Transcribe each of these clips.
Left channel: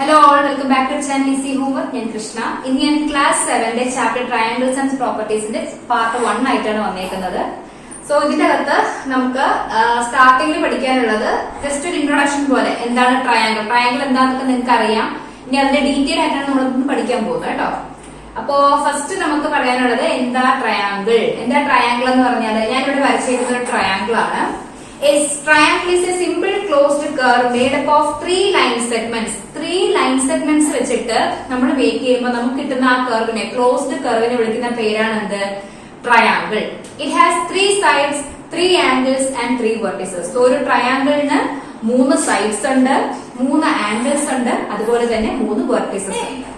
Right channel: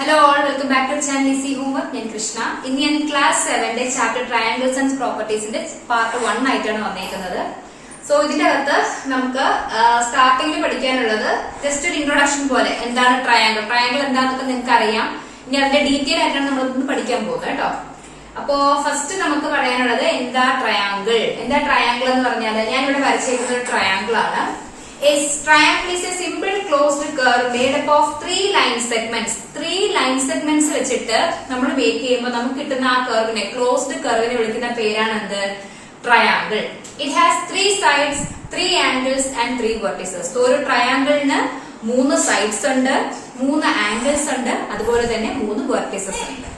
Hello all, welcome back to channel Easy Homework. ഞാൻ കൃഷ്ണ. ഇന്ന് ഞാൻ ക്ലാസ് 7 ചാപ്റ്റർ ട്രയാംഗിൾസ് ആൻഡ് പ്രോപ്പർട്ടീസിന്റെ പാർട്ട് 1 ആയിട്ടാണ് വന്നേക്കുന്നത്. സോ ഇതിന്റെ അകത്ത് നമുക്ക് സ്റ്റാർട്ടിംഗിൽ പഠിക്കാനുള്ളത് ജസ്റ്റ് ഒരു ഇൻട്രൊഡക്ഷൻ പോലെ എന്താണ് ട്രയാംഗിൾ എന്താണെന്നൊക്കെ നിങ്ങൾക്ക് അറിയാം. ഇനി അതിന്റെ ഡീറ്റെയിൽ ആയിട്ടാണ് നമ്മൾ പഠിക്കാൻ പോകുന്നത് കേട്ടോ. അപ്പോ ഫസ്റ്റ് നമുക്ക് പറയാനുള്ളത് എന്താ ട്രയാംഗിൾ എന്ന് പറഞ്ഞാൽ ഞാനിവിടെ വരച്ചേക്കുന്ന ഒരു ട്രയാംഗിൾ ആണ്. A triangle is a simple closed curve made up of three line segments. Three line segments വെച്ചിട്ട് നമ്മൾ മേക്ക് ചെയ്യുമ്പോൾ നമുക്ക് കിട്ടുന്ന ആ കർവിനെ ക്ലോസ്ഡ് കർവിനെ വിളിക്കുന്ന പേരാണ് എന്ത്? Triangle. It has three sides, three angles and three vertices. So ഒരു ട്രയാംഗിളിന് 3 സൈഡ്സ് ഉണ്ട്, 3 ആംഗിൾസ് ഉണ്ട്, അതുപോലെ തന്നെ 3 വെർട്ടിസസ് ഉണ്ട്.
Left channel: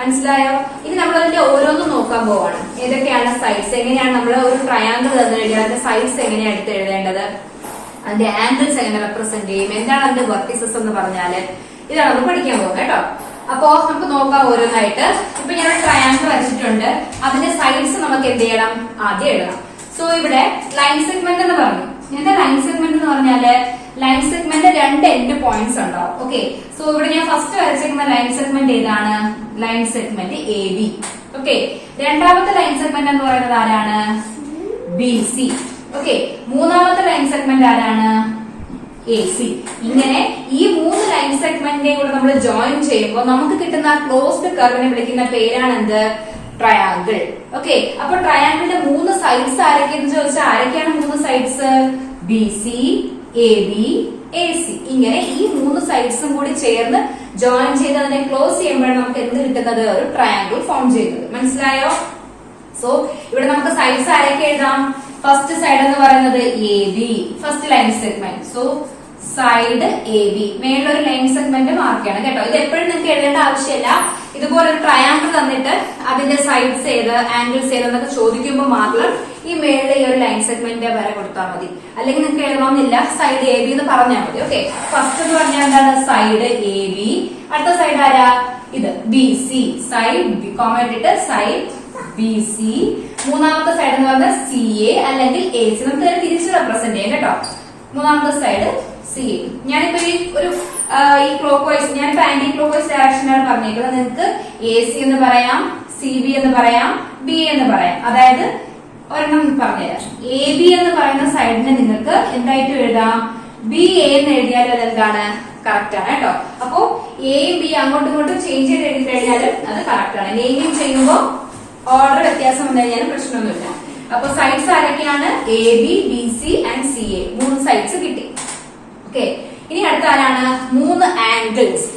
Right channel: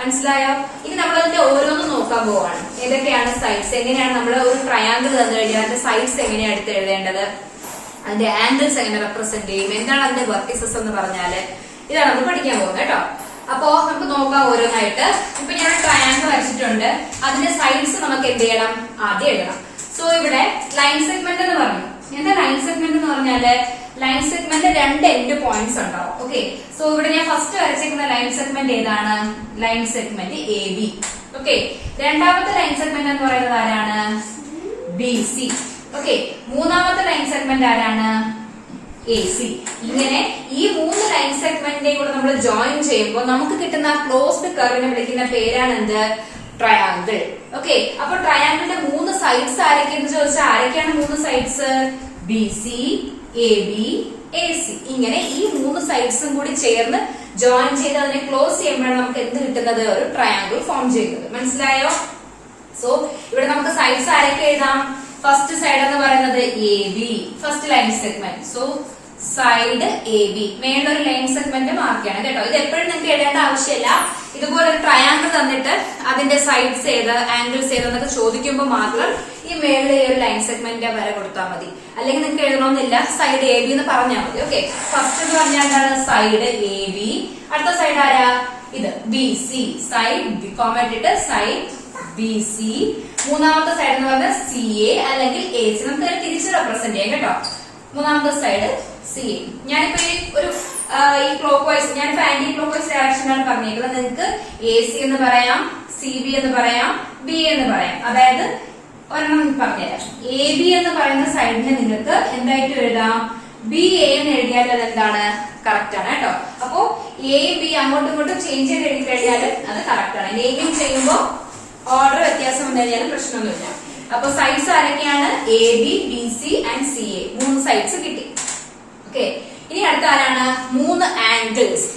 മനസ്സിലായോ? ഇനി നമ്മൾ അതിന്റെ ഓരോന്നും നോക്കാൻ പോവാണ്. ഏതൊക്കെയാണ് സൈഡ്സ്, എങ്ങനെയാണ് നമ്മൾ ഒരു ട്രയാംഗിൾ തന്നു കഴിഞ്ഞാൽ അതിന്റെ സൈഡ്സ് എങ്ങനെയാണ് എടുത്ത് എഴുതേണ്ടത്, അതിന്റെ ആംഗിൾസ് എങ്ങനെ റെപ്രസെന്റ് ചെയ്യും, എന്താണ് അതിന്റെ വെർട്ടിസസ് എന്ന് പറഞ്ഞാല് ഇതാണ് നമ്മൾ പഠിക്കാൻ പോകുന്നത് കേട്ടോ. അപ്പോ നമുക്ക് നോക്കാം ഓരോന്നായിട്ട്. ഇപ്പൊ ഞാൻ ട്രയാംഗിൾ വരച്ചിട്ടുണ്ട്, അതിന്റെ സൈഡ്സ് നമുക്ക് എന്ത് ചെയ്യണം, ആദ്യം എഴുതണം. സോ ഇവിടെ ലൈൻ സെഗ്മെന്റ് എന്ന് പറഞ്ഞു. എന്താ ലൈൻ സെഗ്മെന്റ് എന്ന് പറഞ്ഞാല് ലൈൻ സെഗ്മെന്റ് 2 എൻഡ് പോയിന്റ്സ് ഉണ്ടാവും. ഓക്കെ, സോ ഇവിടെ ഞാൻ ഫസ്റ്റ് വരച്ചിരിക്കുന്ന ലൈൻ സെഗ്മെന്റ് ഏതാണ്? Line segment AB. ഓക്കെ, രണ്ടാമത്തെ ലൈൻ സെഗ്മെന്റ് എന്ന് പറയുന്നത് ആരാണ്? BC. ഓക്കെ, മൂന്നാമത്തെ ലൈൻ സെഗ്മെന്റ് ആരാണ്? AC. ഇങ്ങനെ ഈ 3 ലൈൻ സെഗ്മെന്റിനെ കൂടെ നമ്മൾ ജോയിൻ ചെയ്യുമ്പോൾ നമുക്ക് കിട്ടുന്ന ക്ലോസ്ഡ് കർവിനെ വിളിക്കുന്ന പേരാണ് എന്ത്? ട്രയാംഗിൾ. ഓക്കെ, അപ്പൊ ട്രയാംഗിളിന്റെ 3 സൈഡ്സ് ആരൊക്കെയെന്ന് ചോദിച്ചാൽ ആരൊക്കെയാണ് 3 സൈഡ്സ്? BC, AB, AC. ഇങ്ങനെ ഈ 3 സൈഡ്സും കൂടി ചേർന്ന് ജോയിൻ ചെയ്ത് അതിനെ ക്ലോസ് ചെയ്യുമ്പോഴാണ് നമുക്ക് എന്ത് കിട്ടുന്നത്? ഒരു ട്രയാംഗിൾ ഫോം ചെയ്യുന്നത്. മനസ്സിലായോ? സോ ഇവിടെ നമുക്ക് സൈഡ്സ് ആരൊക്കെ എഴുതാം? ഫസ്റ്റ് സൈഡ് എന്ന് പറയുന്നത് AB, first line segment. So side AB, മേളൊരു ലൈൻ സെഗ്മെന്റ് മാർക്ക് ചെയ്യണം കേട്ടോ. ഇത് എപ്പോഴും നിങ്ങൾക്ക് എഴുതേണ്ട ആവശ്യമില്ല. ഇതുപോലെ ഒരു ട്രയാംഗിൾ തന്നിട്ട് അതിന്റെ സൈഡ്സ് ഏത്, ആംഗിൾസ് ഏതെന്നൊക്കെ ചോദിക്കുമ്പോൾ മാത്രം ഈ മേളിൽ ഈ ഒരു ലൈൻ സെഗ്മെന്റ് വരെ കൊടുത്താൽ മതി. അല്ലെങ്കിൽ നിങ്ങൾക്ക് എഴുതണമെന്നില്ല, സൈഡ് AB എന്ന് പറഞ്ഞാൽ മതി. ഓക്കെ, ഫസ്റ്റ് എന്ന് പറഞ്ഞാൽ എന്താണ്? Side AB. അടുത്ത സൈഡ് ആരാ? ഇത് BC, സൈഡ് കോമ ഇട്ടിട്ട് സൈഡ് BC. മൂന്നാമത്തെ സൈഡ് എന്ന് പറഞ്ഞാൽ CA അല്ലെങ്കിൽ AC. നമുക്ക് ഇതിനെ തിരിച്ച് റെപ്രസെന്റ് ചെയ്യാം കേട്ടോ. മൂന്നാമത്തെ സൈഡ് CA. ഞാനിപ്പോ ഈ ക്ലോക്ക് വൈസ്, ഞാനിപ്പോ ആന്റി ക്ലോക്ക് വൈസ് ഡയറക്ഷനാണ് പറഞ്ഞേക്കുന്നത്. നിങ്ങൾക്ക് AC എന്ന് പറയാം, CB എന്ന് പറയാം, BA എന്ന് പറയാം. അതായത് ഒരെണ്ണം പറഞ്ഞുതരാം. AB എന്ന് പറയുന്ന സൈഡിനെ നിങ്ങൾക്ക് എന്തായിട്ട് എഴുതാം? BA എന്ന് എഴുതിയാൽ അതെന്താണ്? കറക്റ്റ് ആണ് കേട്ടോ. അപ്പോ എയും ബി അങ്ങോട്ടും ഇങ്ങോട്ടും ചേഞ്ച് ചെയ്ത് എഴുതി കഴിഞ്ഞാൽ അത് കറക്റ്റ് ആണ്. നെയിമിംഗ് ചെയ്യുമ്പോൾ ഓർഡർ വ്യത്യാസം വന്നു കഴിഞ്ഞാലും പ്രശ്നമൊന്നുമില്ല. അപ്പൊ സൈഡ്സ് ആരൊക്കെയാണ്? AB, BC and CA. 3 sides കിട്ടി. ഓക്കെ, ഇനി അടുത്ത ആരാണ്? 3 ആംഗിൾസ്.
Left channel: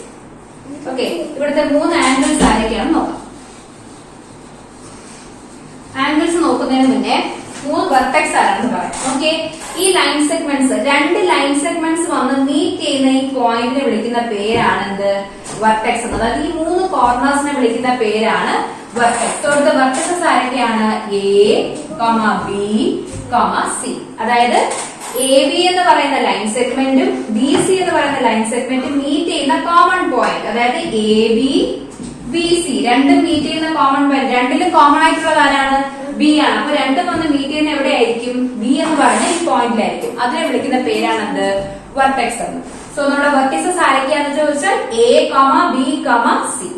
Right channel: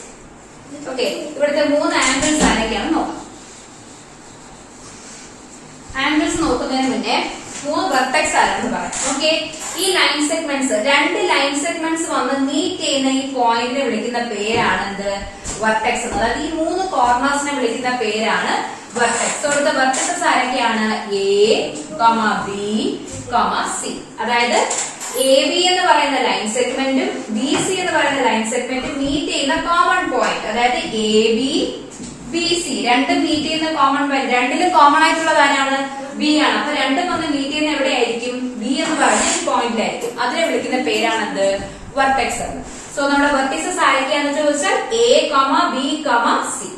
ഓക്കെ, ഇവിടുത്തെ 3 ആംഗിൾസ് ആരൊക്കെയാണെന്ന് നോക്കാം. ആംഗിൾസ് നോക്കുന്നതിന് മുന്നേ 3 വെർട്ടെക്സ് ആരാണെന്ന് പറയാം. ഓക്കെ, ഈ ലൈൻ സെഗ്മെന്റ്സ്, 2 ലൈൻ സെഗ്മെന്റ്സ് വന്ന് മീറ്റ് ചെയ്യുന്ന ഈ പോയിന്റിനെ വിളിക്കുന്ന പേരാണ് എന്ത്? വെർട്ടെക്സ്. അതായത് ഈ 3 കോർണേഴ്സിനെ വിളിക്കുന്ന പേരാണ് വെർട്ടെക്സ്. ഇവിടുത്തെ വെർട്ടിസസ് ആരൊക്കെയാണ്? A, B, C. അതായത് AB എന്ന് പറയുന്ന ലൈൻ സെഗ്മെന്റും BC എന്ന് പറയുന്ന ലൈൻ സെഗ്മെന്റും മീറ്റ് ചെയ്യുന്ന കോമൺ പോയിന്റ്, അതായത് AB, BC രണ്ടും മീറ്റ് ചെയ്യുന്ന കോമൺ പോയിന്റ്. രണ്ടിലും കോമൺ ആയിട്ടുള്ളത് ആരാണ്? B ആണ്. അപ്പൊ രണ്ടും വന്ന് മീറ്റ് ചെയ്യുന്ന എവിടെയായിരിക്കും? B എന്ന് പറയുന്ന ഈ പോയിന്റിലായിരിക്കും. അതിനെ വിളിക്കുന്ന പേരാണ് എന്ത്? വെർട്ടെക്സ് എന്ന്. സോ നമ്മുടെ വെർട്ടിസസ് ആരൊക്കെയാണെന്ന് ചോദിച്ചാൽ A, B, C.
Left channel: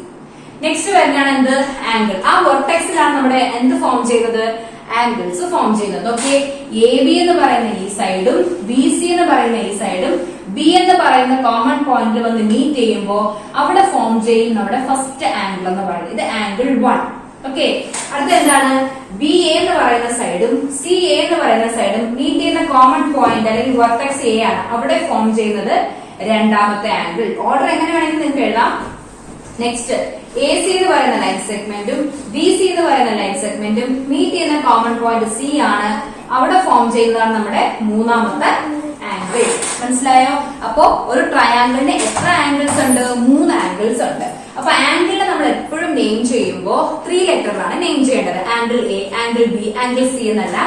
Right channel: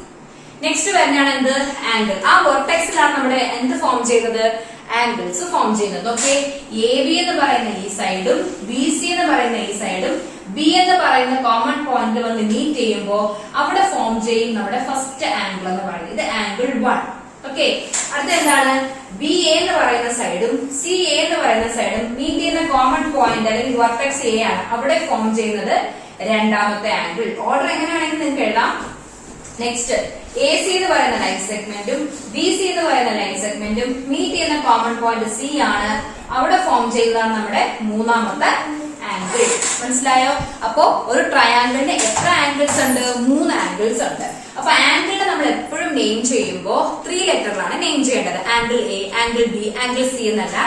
നെക്സ്റ്റ് വരുന്നതാണ് എന്ത്? ആംഗിൾ. ആ വെർട്ടെക്സിലാണ് നമ്മുടെ എന്ത് ഫോം ചെയ്യുന്നത്? ആംഗിൾസ് ഫോം ചെയ്യുന്നത്. ഓക്കെ, AB എന്ന് പറയുന്ന ഈ സൈഡും BC എന്ന് പറയുന്ന ഈ സൈഡും B എന്ന് പറയുന്ന കോമൺ പോയിന്റ് വന്ന് മീറ്റ് ചെയ്യുമ്പോൾ അവിടെ ഫോം ചെയ്യും നമ്മുടെ ഫസ്റ്റ് ആംഗിൾ എന്ന് പറയുന്നത്. ഇത് ആംഗിൾ 1. ഓക്കെ, അടുത്ത എന്താണ്? BA എന്ന് പറയുന്ന സൈഡും CA എന്ന് പറയുന്ന സൈഡും മീറ്റ് ചെയ്യുന്ന കോമൺ പോയിന്റ് അല്ലെങ്കിൽ വെർട്ടെക്സ് A ആണ്. അവിടെ ഫോം ചെയ്യുന്നത് രണ്ടാമത്തെ ആംഗിൾ. ഓർഡർ എങ്ങനെ വേണമെങ്കിൽ നിങ്ങൾക്ക് എഴുതാം. നെക്സ്റ്റ് AC എന്ന് പറയുന്ന ലൈൻ സെഗ്മെന്റും BC എന്ന് പറയുന്ന ലൈൻ സെഗ്മെന്റും മീറ്റ് ചെയ്യുന്ന കോമൺ പോയിന്റ് C ആണ്. അവിടെ ഫോം ചെയ്യുന്നതാണ് നമ്മുടെ മൂന്നാമത്തെ ആംഗിൾ. മനസ്സിലായോ? അപ്പോ ഒരു ട്രയാംഗിളിന് എത്ര ആംഗിൾസ് ഉണ്ട്? 3 ആംഗിൾസ് ഉണ്ട്. അപ്പൊ ആംഗിളിനെ നമ്മൾ എപ്പോഴും നെയിം ചെയ്യുമ്പോൾ 3 ലെറ്ററിലാണ് നെയിം ചെയ്യേണ്ടത്. Angle A, angle B, angle C എന്നല്ല,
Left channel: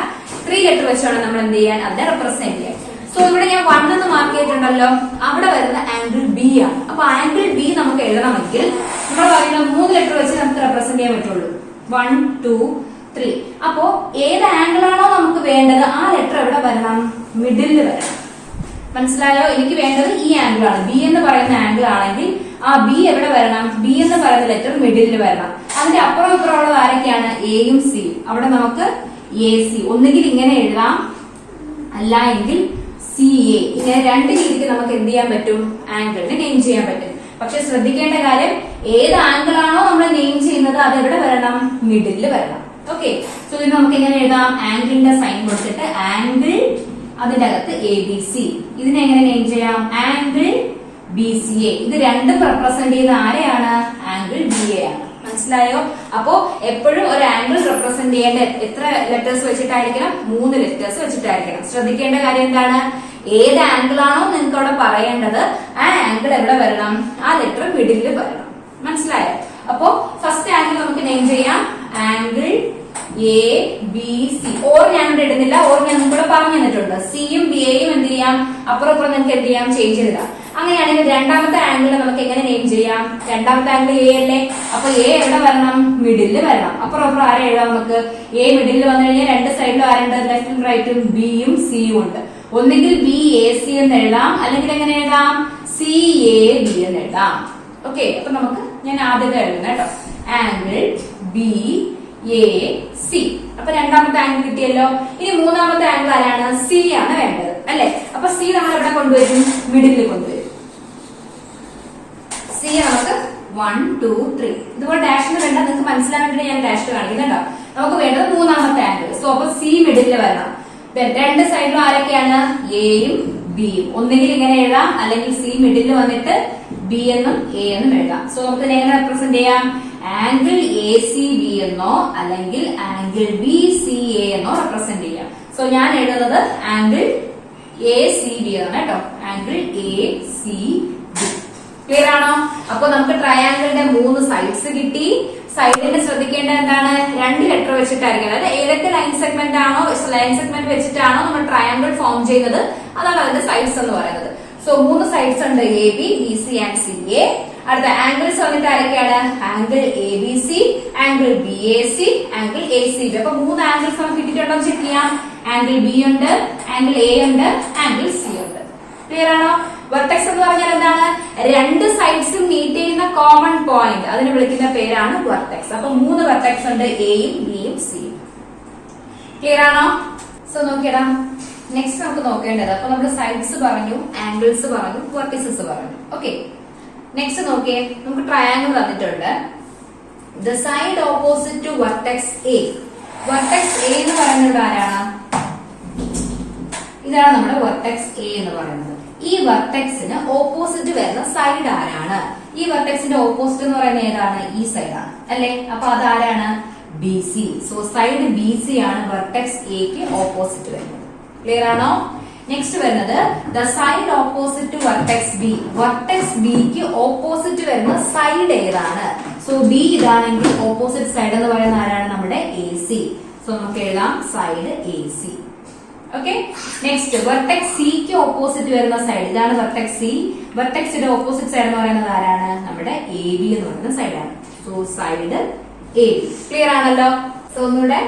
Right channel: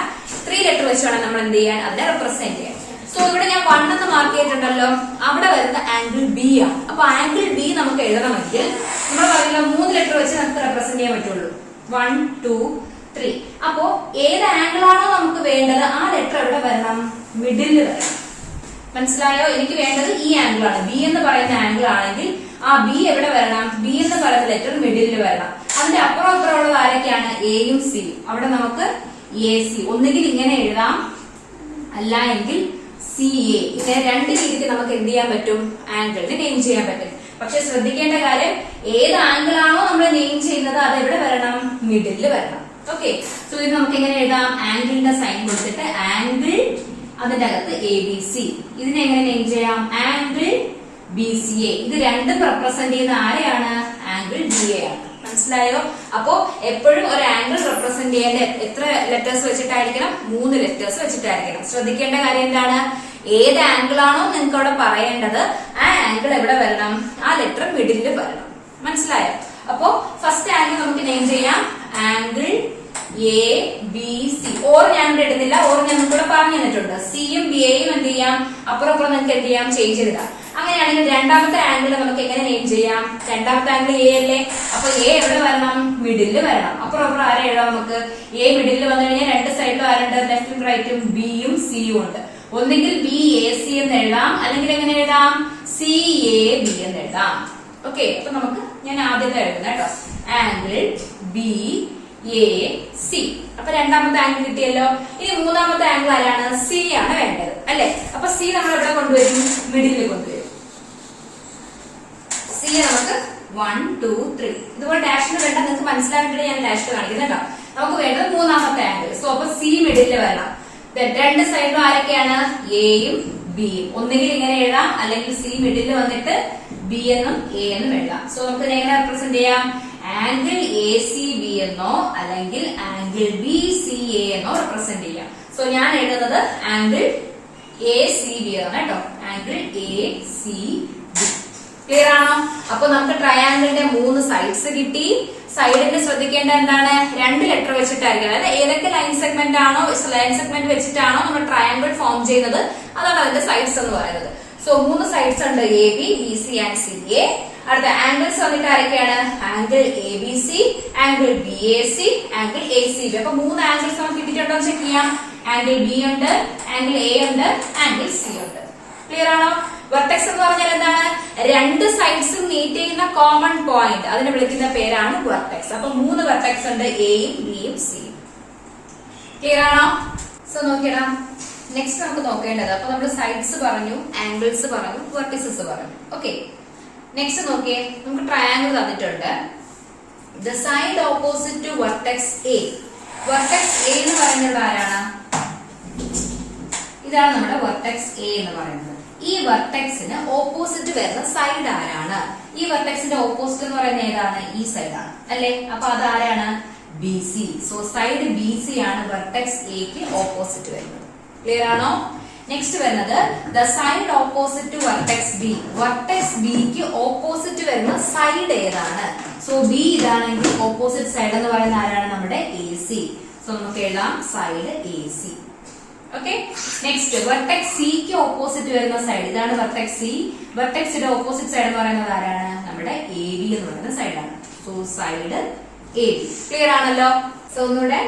3 ലെറ്റർ വെച്ചാണ് നമ്മൾ എന്ത് ചെയ്യാൻ? അതിനെ റെപ്രസെന്റ് ചെയ്യാൻ. സോ ഇവിടെ ഞാൻ 1 എന്ന് മാർക്ക് ചെയ്തിട്ടുണ്ടല്ലോ, അവിടെ വരുന്ന ആംഗിൾ B ആണ്. അപ്പൊ ആംഗിൾ B നമുക്ക് എഴുതണമെങ്കിൽ നമ്മൾ പറയുന്ന 3 ലെറ്റർ വെച്ച് നമുക്ക് റെപ്രസെന്റ് ചെയ്യാൻ പറ്റുള്ളൂ. 1, 2, 3. അപ്പോ ഏത് ആംഗിൾ ആണോ നമുക്ക് വേണ്ടത് ആ ലെറ്റർ എവിടെ വരണം? മിഡിലിൽ വരണം. മനസ്സിലായോ? എനിക്ക് വേണ്ടത് ഈ ആംഗിൾ ആണ്. ബി എന്ന് പറയുന്ന ആംഗിൾ ആണെങ്കിൽ ആ ബി എവിടെ വരണം? ബി എന്ന് പറയുന്ന ലെറ്റർ മിഡിലിൽ വരണം. അതിന്റെ അപ്പുറം ഇപ്പുറമുള്ളത് ആരൊക്കെയാണ്? എയും സിയും. അവിടെ നമുക്ക് എ സി ഒന്നുകിൽ ഇങ്ങനെ എഴുതാം, അല്ല എങ്കിൽ സി എ. ഇങ്ങനെ രണ്ട് രീതിക്ക് നമുക്ക് എന്ത് ചെയ്യാൻ പറ്റും? ആംഗിളിന് നെയിം ചെയ്യാൻ പറ്റും. പക്ഷെ ശ്രദ്ധിക്കേണ്ട കാര്യം, ഏത് ആംഗിൾ ആണോ നമ്മൾ നെയിം ചെയ്യുന്നത് അത് എവിടെ വരണം? മിഡിലിൽ വരണം. ഓക്കെ, സോ ഇത് നമുക്ക് എങ്ങനെ എഴുതാം? ആംഗിളിന്റെ സൈൻ കൊടുത്തിട്ട് ആംഗിൾ, അതിന്റെ അകത്ത് എ ബി സി. ഇതിനെ എങ്ങനെ നെയിം ചെയ്യാം? Angle B C A. ഇത് രണ്ടും റെപ്രസെന്റ് ചെയ്യുന്ന ആരെയാണ്? ആംഗിൾ ബി എ ആണ്. മനസ്സിലായോ? അപ്പോ എപ്പോഴും ഒരു ആംഗിൾ റെപ്രസെന്റ് ചെയ്യേണ്ട എത്ര ലെറ്റേഴ്സ് വെച്ചിട്ടായിരിക്കണം? 3 ലെറ്റേഴ്സ് വെച്ചിട്ടായിരിക്കണം. ശ്രദ്ധിക്കേണ്ട കാര്യം എന്താണ്? ഏത് ആംഗിൾ ആണോ നിങ്ങൾക്ക് അവിടെ പറയേണ്ടത് ആ ആംഗിൾ എവിടെ വരണം? ആ ലെറ്റർ മിഡിലിൽ വരണം. മനസ്സിലായോ? അപ്പോ ഫസ്റ്റ് ആംഗിൾ നമുക്ക് നെയിം ചെയ്യാം angle A B C. Or ഞാൻ ഇവിടെ ഇടുന്നില്ല, ഓർ ഞാൻ ഇവിടെ പറഞ്ഞു തന്നിട്ടുണ്ട്. സിയും ബി എയും എന്ത് ചെയ്യാം? അപ്പുറം നിങ്ങൾക്ക് എന്ത് ചെയ്യാം? ചേഞ്ച് ചെയ്താം. അങ്ങനെയാണെങ്കിൽ രണ്ടാമത്തെ ആംഗിൾ നമുക്ക് എങ്ങനെ നെയിം ചെയ്യാം? രണ്ടാമത്തെ ആംഗിൾ എ അല്ലേ? അപ്പൊ എ എവിടെ വരണം? മിഡിലിൽ വരണം. അപ്പുറം ആരെ എഴുതാം നമുക്ക്? എ മിഡിലിൽ വന്നു കഴിഞ്ഞാൽ രണ്ട് സൈഡിലും ആരുണ്ട്? ലെഫ്റ്റും റൈറ്റും ബിയും സിയും ഉണ്ട്. ഒന്നുകിൽ ബി എ സി എന്ന് എഴുതാം, അല്ലെങ്കിൽ എങ്ങനെ എഴുതാം? സി എ ബി എന്ന് എഴുതാം. ഓക്കെ, അപ്പൊ നമുക്ക് ഞാൻ ആദ്യത്തെ എഴുതുന്നത് കേട്ടോ. Angle B A C. അപ്പൊ രണ്ടാമത്തെ ആംഗിൾ കിട്ടിയല്ലോ. ഇനി മൂന്നാമത്തെ ആംഗിൾ ആരാണ്? സി ആണ് വേണ്ടത് അല്ലെ? അപ്പൊ സി നമ്മൾ എവിടെ കൊണ്ടുവരും? മിഡിലിൽ കൊണ്ടുവരും. സി നമുക്ക് 1 2 3 ഇതുപോലെ ഡാഷിന് വേണ്ട. നിങ്ങൾക്ക് മനസ്സിലാക്കിയിട്ട് ഞാൻ ഡാഷ് കാണിക്കുന്നുണ്ടോ? നമുക്ക് വേണ്ടത് മൂന്നാമത്തെ ആംഗിൾ. സോ അപ്പൊ സി മിഡിലിൽ വരണം. രണ്ട് സൈഡിലും ആരൊക്കെയാണ്? എയും ബിയും. ഒന്നുകിൽ ഇങ്ങനെ എഴുതാം, അല്ലെങ്കിൽ സി മിഡിലിൽ വന്നിട്ട് ബി എന്നും എ എന്നും എഴുതാം. സോ നമുക്ക് എങ്ങനെ റെപ്രസെന്റ് ചെയ്യാം? ആംഗിൾ എ സി ബി എന്നോ അല്ലെങ്കിൽ ആംഗിൾ ബി സി എ എന്നോ റെപ്രസെന്റ് ചെയ്യാം. സോ ഞാൻ എഴുതുന്നത് ആംഗിൾ എ സി ബി ആണ് കേട്ടോ. Angle A C B. Clear ആണോ? അപ്പൊ നമുക്ക് ട്രയാംഗിളിന്റെ 3 സൈഡ്സ് കിട്ടി. സൈഡിന് ശ്രദ്ധിക്കേണ്ട എന്താണ്? 2 ലെറ്റർ വെച്ചിട്ടായിരിക്കും. അതായത് ഏതൊക്കെ ലൈൻ സെഗ്മെന്റ് ആണോ, ലൈൻ സെഗ്മെന്റ് വെച്ചിട്ടാണോ നമ്മൾ ട്രയാംഗിൾ ഫോം ചെയ്യുന്നത്, അതാണ് അതിന്റെ സൈഡ്സ് എന്ന് പറയുന്നത്. സോ 3 സൈഡ്സ് ഉണ്ട്, A B, B C and C A. അടുത്ത ആംഗിൾസ് വന്നിട്ട് ആരൊക്കെയാണ്? Angle A B C, angle B A C, angle A C B. അപ്പൊ 3 ആംഗിൾസ് നമുക്ക് കിട്ടിയിട്ടുണ്ടോ ചെക്ക് ചെയ്യാം. ആംഗിൾ ബി ഉണ്ട്, ആംഗിൾ എ ഉണ്ട്, ആംഗിൾ സി ഉണ്ട്. ക്ലിയർ ആണോ? വെർട്ടെക്സ് എന്ന് പറഞ്ഞാൽ എന്താണ്? 2 സൈഡ്സും മീറ്റ് ചെയ്യുന്ന കോമൺ പോയിന്റ്, അതിനെ വിളിക്കുന്ന പേരാണ് വെർട്ടെക്സ്. അപ്പൊ 3 വെർട്ടെക്സ് ഉണ്ട്, എയും ബിയും സിയും. ക്ലിയർ ആണോ? സോ നോക്കിയടാ, നെക്സ്റ്റ് നമുക്ക് നോക്കേണ്ടത്, അപ്പൊ നമ്മൾ സൈഡ്സ് പറഞ്ഞു, ആംഗിൾസ് പറഞ്ഞു, വെർട്ടിസസ് പറഞ്ഞു. ഓക്കെ, നെക്സ്റ്റ് നോക്കിയേ, നമുക്ക് ട്രയാംഗിൾ തന്നിട്ടുണ്ട്. The side opposite to vertex A. Vertex A എന്ന് പറയുന്നത് ആരാണ്? ഇതാണ് നമ്മുടെ വെർട്ടെക്സ് എ എന്ന് പറയുന്നത്. ഈ വെർട്ടെക്സിന് ഓപ്പോസിറ്റ് വരുന്ന സൈഡ് ആരാണ്? ഈ വെർട്ടെക്സിന്റെ ഓപ്പോസിറ്റ് എന്ന് പറയുന്നത് ഏതാണ്? ഈ സൈഡാണ് അല്ലെ? അപ്പൊ അതാരാണ്? B C. So side B C ആണ് വെർട്ടെക്സ് എക്ക് ഓപ്പോസിറ്റ് വരുന്നത്. ക്ലിയർ ആണോ? നെക്സ്റ്റ് വരുന്നത് the side opposite to vertex B. Vertex ബിക്ക് ഓപ്പോസിറ്റ് വരുന്ന സൈഡ് ഏതാണ്? സോ ബി ഇതാണെങ്കിൽ ഓപ്പോസിറ്റ് സൈഡ് എന്ന് പറയുന്ന ആരാണ്? നമ്മുടെ എ സി. സോ നമുക്ക് എഴുതാം side A C. Okay, next vertex സിക്ക് ഓപ്പോസിറ്റ് വരുന്ന സൈഡ് ഇതാണ് വെർട്ടെക്സ് സി. വെർട്ടെക്സിന്റെ ഓപ്പോസിറ്റ് സൈഡ് എന്ന് പറയുന്നത് ആരാണ്? നമ്മുടെ എ ബി എന്ന് പറയുന്ന സൈഡാണ്. So side A B. Clear ആണല്ലോ? സോ ഒന്നുകൂടെ,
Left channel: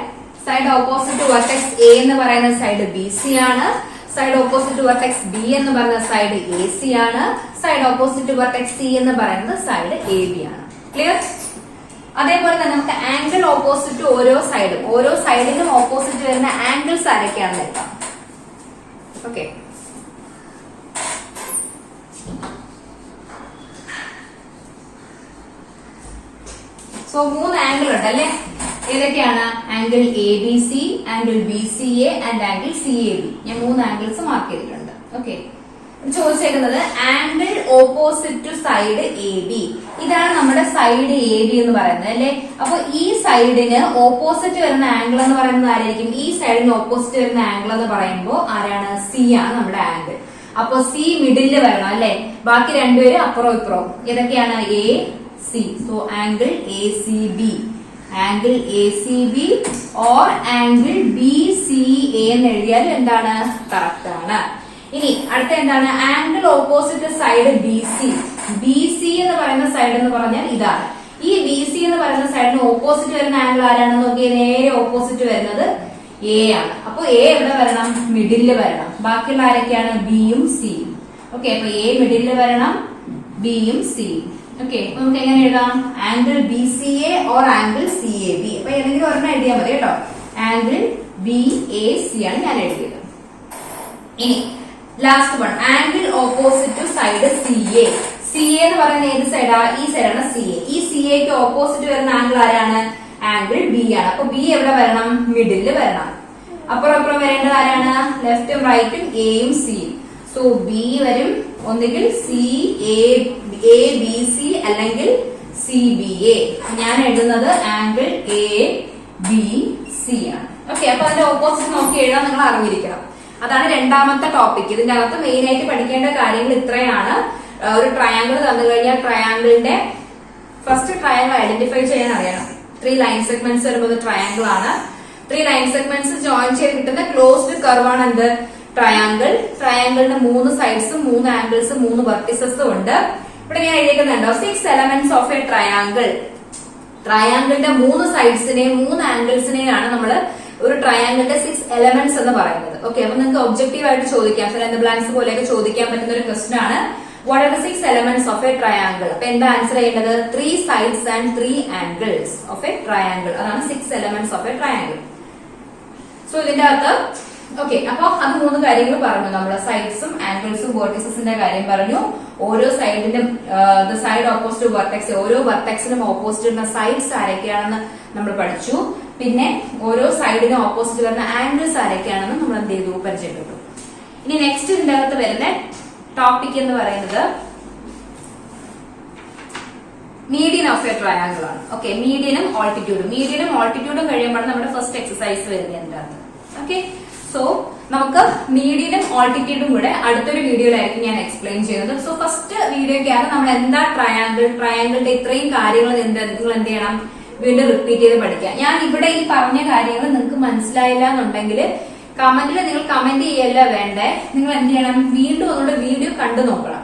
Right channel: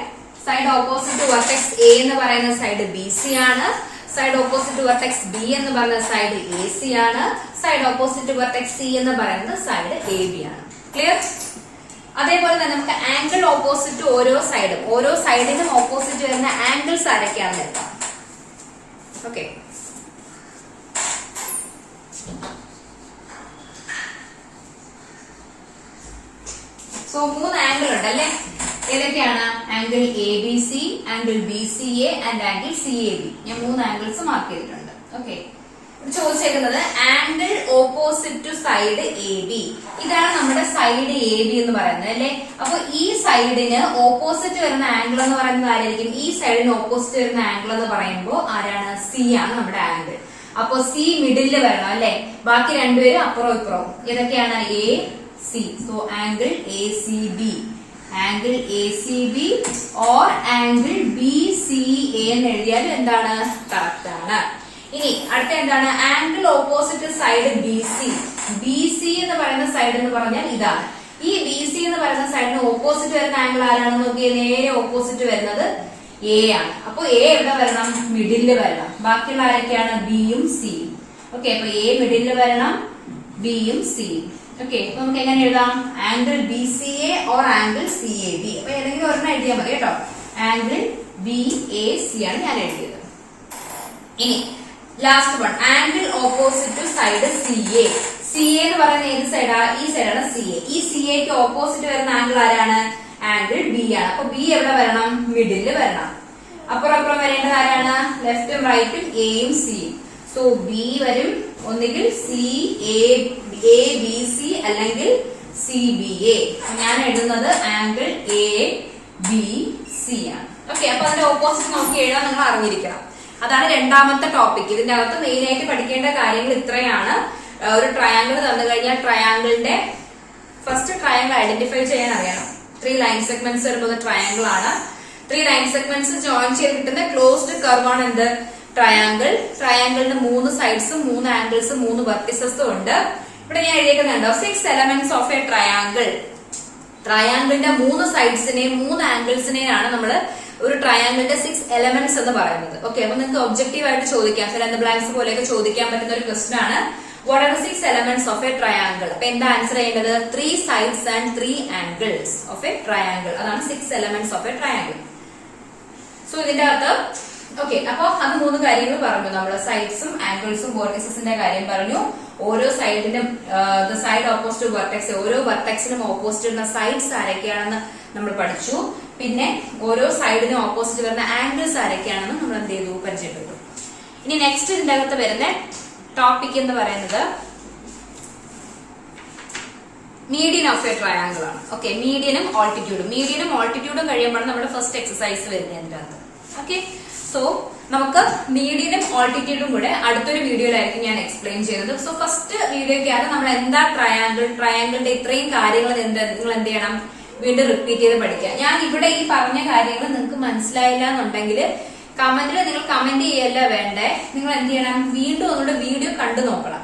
സൈഡ് ഓപ്പോസിറ്റ് വെർട്ടെക്സ് എ എന്ന് പറയുന്ന സൈഡ് ബി സി ആണ്. സൈഡ് ഓപ്പോസിറ്റ് വെർട്ടെക്സ് ബി എന്ന് പറയുന്ന സൈഡ് എ സി ആണ്. സൈഡ് ഓപ്പോസിറ്റ് വെർട്ടെക്സ് സി എന്ന് പറയുന്നത് സൈഡ് എ ബി ആണ്. ക്ലിയർ? അതേപോലെ തന്നെ നമുക്ക് ആംഗിൾ ഓപ്പോസിറ്റ് ഓരോ സൈഡിനും ഓപ്പോസിറ്റ് വരുന്ന ആംഗിൾസ് ആരൊക്കെയാണെന്ന് എടുക്കാം. ഓക്കെ, സോ 3 ആംഗിൾ ഉണ്ട് അല്ലെ? ഏതൊക്കെയാണ്? Angle A B C, angle B C A and angle C A B. ഞാൻ 3 ആംഗിൾസ് മാർക്ക് ചെയ്തിട്ടുണ്ട്. ഓക്കെ, ചോദിച്ചേക്കുന്നത് angle opposite to side A B. ഇതാണ് നമ്മുടെ സൈഡ് എ ബി എന്ന് പറയുന്നത് അല്ലെ? അപ്പൊ ഈ സൈഡിന് ഓപ്പോസിറ്റ് വരുന്ന ആംഗിൾ എന്ന് പറയുന്നത് ആരായിരിക്കും? ഈ സൈഡിന് ഓപ്പോസിറ്റ് വരുന്ന ആംഗിൾ എന്ന് പറയുമ്പോൾ ആരാണ്? സി ആണ് നമ്മുടെ ആംഗിൾ. അപ്പൊ സി മിഡിലിൽ വരണം അല്ലെ? ബാക്കി രണ്ടുപേരും അപ്പുറവും ഇപ്പുറവും. ഏതൊക്കെയാണ്? A C. So angle A C B, angle A C B or angle B C A എന്ന് എഴുതിയാലും എന്താണ്? കറക്റ്റ് ആണ്. ഇനി അടുത്ത എന്താണ്? Angle opposite side B C. B C എന്ന് പറയുന്ന സൈഡ് എന്ന് പറഞ്ഞാൽ ഇതാണ്. ഈ ബി സി എന്ന് പറയുന്ന സൈഡിന് ഓപ്പോസിറ്റ് വരുന്ന ആംഗിൾ ആരാണെന്ന് നോക്കിയാൽ നേരെ ഓപ്പോസിറ്റ് വരുന്നത് എ ആണ്. അപ്പൊ എ എവിടെ വരണം? മിഡില് വരണം. ബാക്കിയുള്ള ആരൊക്കെയാണ്? ബിയും സിയും. ഓക്കെ, അപ്പൊ എ മിഡില് വരണം, ബിയും സിയും. ഓക്കെ, അപ്പൊ നമുക്ക് എങ്ങനെ എഴുതാം? Angle B C A or angle C A B. അപ്പൊ ഏതെങ്കിലും ഒരെണ്ണം എഴുതിയാൽ മതി കേട്ടോ. ആംഗിൾ ബി എ സി ആണ് ഞാൻ എഴുതിയത്. ഇനി last one, angle opposite to side C A. C A എന്ന് പറയുന്ന ഏത് സൈഡാ? ഈ സൈഡാണ് സി എ. ഈ സി എക്ക് ഓപ്പോസിറ്റ് വരുന്ന ആംഗിൾ ആരാണ്? ആംഗിൾ ബി ആണ്. അപ്പൊ ബി എവിടെ വരണം? മിഡില് വരണം. അപ്പുറം വരേണ്ടത് ആരാണ്? ലെഫ്റ്റും റൈറ്റും എയും സിയും. സോ ബി വരും, ഒന്നുകിൽ സി എ ബി സി അല്ലെങ്കിൽ സി ബി എ. ഞാൻ എഴുതുന്നത് ആംഗിൾ എ ബി സി ആണ്. ഓക്കെ, അപ്പൊ അതിന്റെ ഓപ്പോസിറ്റ് നോക്കി എഴുതാൻ നിങ്ങൾ അറിഞ്ഞിരിക്കണം. അതാണ് രണ്ടാമത്തെ ടോപ്പിക്. ഇതിന്റെ അകത്ത് മെയിൻ ആയിട്ട് പഠിക്കേണ്ട കാര്യങ്ങൾ ഇത്രയാണ്. ഒരു ട്രയാങ്കിൾ തന്നു കഴിഞ്ഞാൽ ട്രയാങ്കിളിന്റെ ഫസ്റ്റ് ട്രയാങ്കിൾ ഐഡന്റിഫൈ ചെയ്യാൻ അറിയണം. 3 ലൈൻ സെഗ്മെന്റ്സ് വരുന്നത് ട്രയാങ്കിൾ ആണ്. 3 ലൈൻ സെഗ്മെന്റ്സ് ജോയിൻ ചെയ്ത് കിട്ടുന്ന ക്ലോസ്ഡ് കർവ് ആണ് എന്ത്? ട്രയാങ്കിൾ. ട്രയാങ്കിളിന് 3 സൈഡ്സും 3 ആംഗിൾസും 3 വെർട്ടിസസും ഉണ്ട്. ഇവിടെ ഞാൻ എഴുതിയിട്ടുണ്ടോ 6 എലമെന്റ്സ് ഓഫ് എ ട്രയാങ്കിൾ. ട്രയാങ്കിളിന്റെ 3 സൈഡ്സിനെയും 3 ആംഗിൾസിനെയാണ് നമ്മൾ ഒരു ട്രയാങ്കിളിന്റെ 6 എലമെന്റ്സ് എന്ന് പറയുന്നത്. ഓക്കെ, അപ്പൊ നിങ്ങൾക്ക് ഒബ്ജക്റ്റീവ് ആയിട്ട് ചോദിക്കാം, ഫിൽ ഇൻ ദി ബ്ലാങ്ക്സ് പോലെയൊക്കെ ചോദിക്കാൻ പറ്റുന്ന ഒരു ക്വസ്റ്റൻ ആണ്. What are the 6 elements of A triangle? അപ്പൊ എന്താ ആൻസർ ചെയ്യേണ്ടത്? 3 sides and 3 angles of A triangle. അതാണ് 6 elements of A triangle. So ഇതിന്റെ അകത്ത് ഓക്കെ, അപ്പൊ അത് 3 കാര്യങ്ങൾ പറഞ്ഞു. നമ്മൾ സൈഡ്സും ആംഗിൾസും വെർട്ടിസസിന്റെ കാര്യം പറഞ്ഞു. ഓരോ സൈഡിനും സൈഡ് ഓപ്പോസിറ്റ് വെർട്ടെക്സ്, ഓരോ വെർട്ടെക്സിനും ഓപ്പോസിറ്റ് വരുന്ന സൈഡ്സ് ആരൊക്കെയാണെന്ന് നമ്മൾ പഠിച്ചു. പിന്നെ ഓരോ സൈഡിനും ഓപ്പോസിറ്റ് വരുന്ന ആംഗിൾസ് ആരൊക്കെയാണെന്ന് നമ്മൾ എന്ത് ചെയ്തു? പരിചയപ്പെട്ടു. ഇനി നെക്സ്റ്റ് ഇതിന്റെ അകത്ത് വരുന്ന ടോപ്പിക് എന്ന് പറയുന്നത് മീഡിയൻ ഓഫ് എ ട്രയാങ്കിൾ ആണ്. ഓക്കെ, മീഡിയനും ഓൾട്ടിറ്റ്യൂഡും കഴിയുമ്പോൾ നമ്മുടെ ഫസ്റ്റ് എക്സസൈസ് വരുന്നത് അതിന്റെ അകത്ത്. ഓക്കെ, സോ നമുക്ക് മീഡിയനും ഓൾട്ടിറ്റ്യൂഡും കൂടെ അടുത്തൊരു വീഡിയോയിലായിരിക്കും ഞാൻ എക്സ്പ്ലെയിൻ ചെയ്യുന്നത്. സോ ഫസ്റ്റ് വീഡിയോയ്ക്കാണ് നമ്മൾ എന്താ ട്രയാങ്കിളിന്റെ ഇത്രയും കാര്യങ്ങൾ നിങ്ങൾ എന്ത് ചെയ്യണം? വീണ്ടും റിപ്പീറ്റ് ചെയ്ത് പഠിക്കുക. ഞാൻ ഇവിടെ ഈ പറഞ്ഞ കാര്യങ്ങൾ നിങ്ങൾക്ക് മനസ്സിലായില്ല എന്നുണ്ടെങ്കിൽ കമന്റിൽ നിങ്ങൾ കമന്റ് ചെയ്യല്ല വേണ്ടേ, നിങ്ങൾ എന്ത് ചെയ്യണം? വീണ്ടും ഒന്നുകൂടെ വീഡിയോ കണ്ടു നോക്കണം.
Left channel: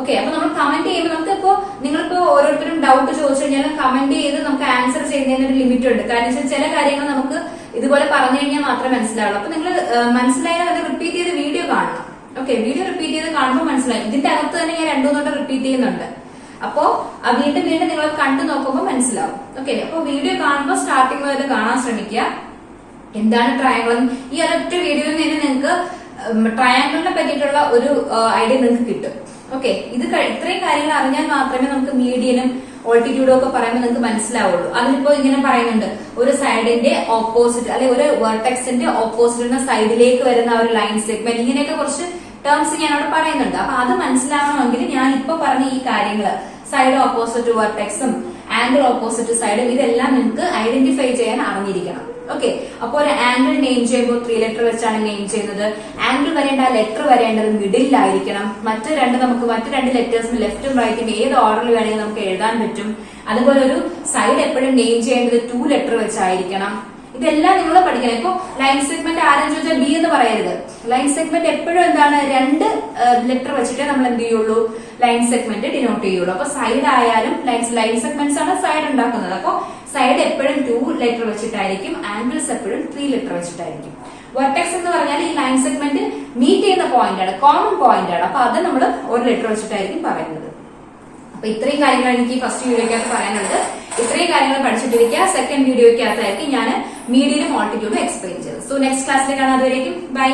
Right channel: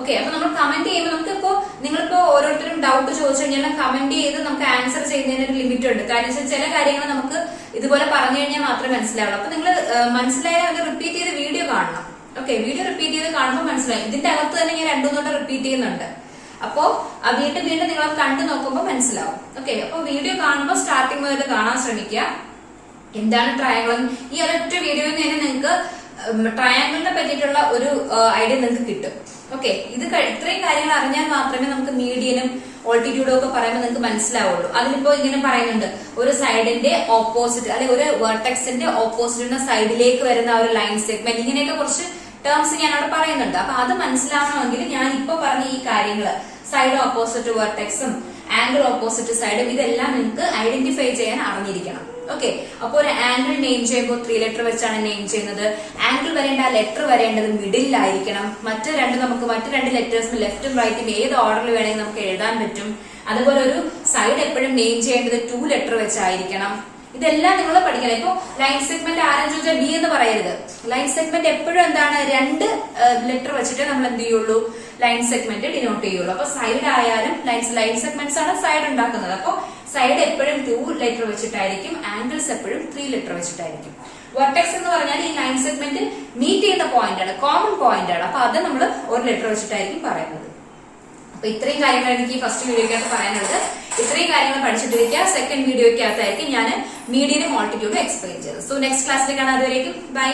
ഓക്കെ, അപ്പൊ നമ്മൾ കമന്റ് ചെയ്യുമ്പോൾ നമുക്കിപ്പോ നിങ്ങളിപ്പോ ഓരോരുത്തരും ഡൗട്ട് ചോദിച്ചു കഴിഞ്ഞാൽ കമന്റ് ചെയ്ത് നമുക്ക് ആൻസർ ചെയ്യുന്നതിന് ഒരു ലിമിറ്റ് ഉണ്ട്. കാരണം ചില കാര്യങ്ങൾ നമുക്ക് ഇതുപോലെ പറഞ്ഞു കഴിഞ്ഞാൽ മാത്രമേ മനസ്സിലാവുള്ളൂ. അപ്പൊ നിങ്ങൾ മനസ്സിലായാൽ അത് റിപ്പീറ്റ് ചെയ്ത് വീഡിയോ കാണണം. ഓക്കെ, വീഡിയോ റിപ്പീറ്റ് ചെയ്ത് കാണുമ്പോൾ മനസ്സിലാവും. ഇതിന്റെ അകത്ത് തന്നെ ഞാൻ 2-3 റിപ്പീറ്റ് ചെയ്യുന്നുണ്ട്. അപ്പോ വീണ്ടും നിങ്ങൾ കണ്ടു നോക്കുമ്പോൾ മനസ്സിലാവും. ഓക്കെ, അപ്പൊ വീഡിയോ കാണുമ്പോൾ സ്റ്റാർട്ടിങ് മുതൽ കാണാൻ ശ്രമിക്കുക. എന്താണ് ട്രയാങ്കിൾ? ഈ ഒരൊറ്റ വീഡിയോയിൽ തന്നെ നിങ്ങൾക്ക് ട്രയാങ്കിളിനെ പറ്റിയിട്ടുള്ള ഒരു ഐഡിയ നിങ്ങൾക്ക് കിട്ടും. ഓക്കെ, ഇത്രയും കാര്യങ്ങൾ അറിഞ്ഞാൽ മാത്രമേ നമുക്ക് മീഡിയനും ഓൾട്ടിറ്റ്യൂഡും ഒക്കെ പറയുമ്പോൾ നിങ്ങൾക്ക് മനസ്സിലാവുള്ളൂ. അതിലിപ്പോ ഇങ്ങനെ പറയുന്നുണ്ട്, ഒരു സൈഡിന്റെ ഓപ്പോസിറ്റ് അല്ലെങ്കിൽ ഒരു വെർട്ടെക്സിന്റെ ഓപ്പോസിറ്റ് സൈഡിലേക്ക് വരുന്ന ഒരു ലൈൻ സെഗ്മെന്റ്, ഇങ്ങനെയൊക്കെ കുറച്ച് ടേംസ് ഞാൻ അവിടെ പറയുന്നുണ്ട്. അപ്പൊ അത് മനസ്സിലാവണമെങ്കിൽ ഞാൻ ഇപ്പൊ പറഞ്ഞ ഈ കാര്യങ്ങൾ, സൈഡ് ഓപ്പോസിറ്റ് വെർട്ടെക്സും ആംഗിൾ ഓപ്പോസിറ്റ് സൈഡും, ഇതെല്ലാം നിങ്ങൾക്ക് ഐഡന്റിഫൈ ചെയ്യാൻ അറിഞ്ഞിരിക്കണം. ഓക്കെ, അപ്പൊ ഒരു ആംഗിൾ നെയിം ചെയ്യുമ്പോൾ 3 ലെറ്റർ വെച്ചാണ് നെയിം ചെയ്യുന്നത്. ആംഗിൾ വരേണ്ട ലെറ്റർ വരേണ്ടത് മിഡിലായിരിക്കണം. മറ്റു രണ്ട് ലെറ്റേഴ്സിന് ലെഫ്റ്റും റൈറ്റും ഏത് ഓർഡറിൽ വേണമെങ്കിൽ നമുക്ക് എഴുതാൻ പറ്റും. അതുപോലെ ഒരു സൈഡ് എപ്പോഴും നെയിം ചെയ്യേണ്ടത് 2 ലെറ്റർ വെച്ചായിരിക്കണം. ഇതെല്ലാം നിങ്ങൾ പഠിക്കണം. ഇപ്പൊ ലൈൻ സെഗ്മെന്റ് ആരെന്ന് ചോദിച്ചാൽ ബി എന്ന് പറയരുത്. ലൈൻ സെഗ്മെന്റ് എപ്പോഴും എന്താണ്? 2 ലെറ്റർ വെച്ചിട്ടേ നമ്മൾ എന്ത് ചെയ്യുള്ളൂ? ലൈൻ സെഗ്മെന്റ് ഡിനോട്ട് ചെയ്യുള്ളൂ. അപ്പൊ സൈഡ് ആയാലും ലൈൻ സെഗ്മെന്റ്സ് ആണ് സൈഡ് ഉണ്ടാക്കുന്നത്. അപ്പൊ സൈഡ് എപ്പോഴും 2 ലെറ്റർ വെച്ചിട്ടായിരിക്കും, ആംഗിൾസ് എപ്പോഴും 3 ലെറ്റർ വെച്ചിട്ടായിരിക്കും. വെർട്ടെക്സ് എന്ന് പറഞ്ഞാൽ ഈ ലൈൻ സെഗ്മെന്റ് മീറ്റ് ചെയ്യുന്ന പോയിന്റ് ആണ്, കോമൺ പോയിന്റ് ആണ്. അപ്പൊ അത് നമ്മൾ 1 ലെറ്റർ വെച്ചിട്ടായിരിക്കും പറയുന്നത്. അപ്പൊ ഇത്രയും കാര്യങ്ങളാണ് എനിക്ക് ഫസ്റ്റ് വീഡിയോക്കകത്ത് പറയാനുള്ളത്. ഇത്രയും കാര്യങ്ങൾ പഠിച്ചിട്ടിരിക്കുക. സെക്കൻഡ് വീഡിയോക്കകത്തായിരിക്കും ഞാൻ മീഡിയനും ഓൾട്ടിറ്റ്യൂഡും എക്സ്പ്ലെയിൻ ചെയ്തത്. സോ നെക്സ്റ്റ് ക്ലാസ്സിലേക്കാണ്. അതുവരേക്കും ബൈ.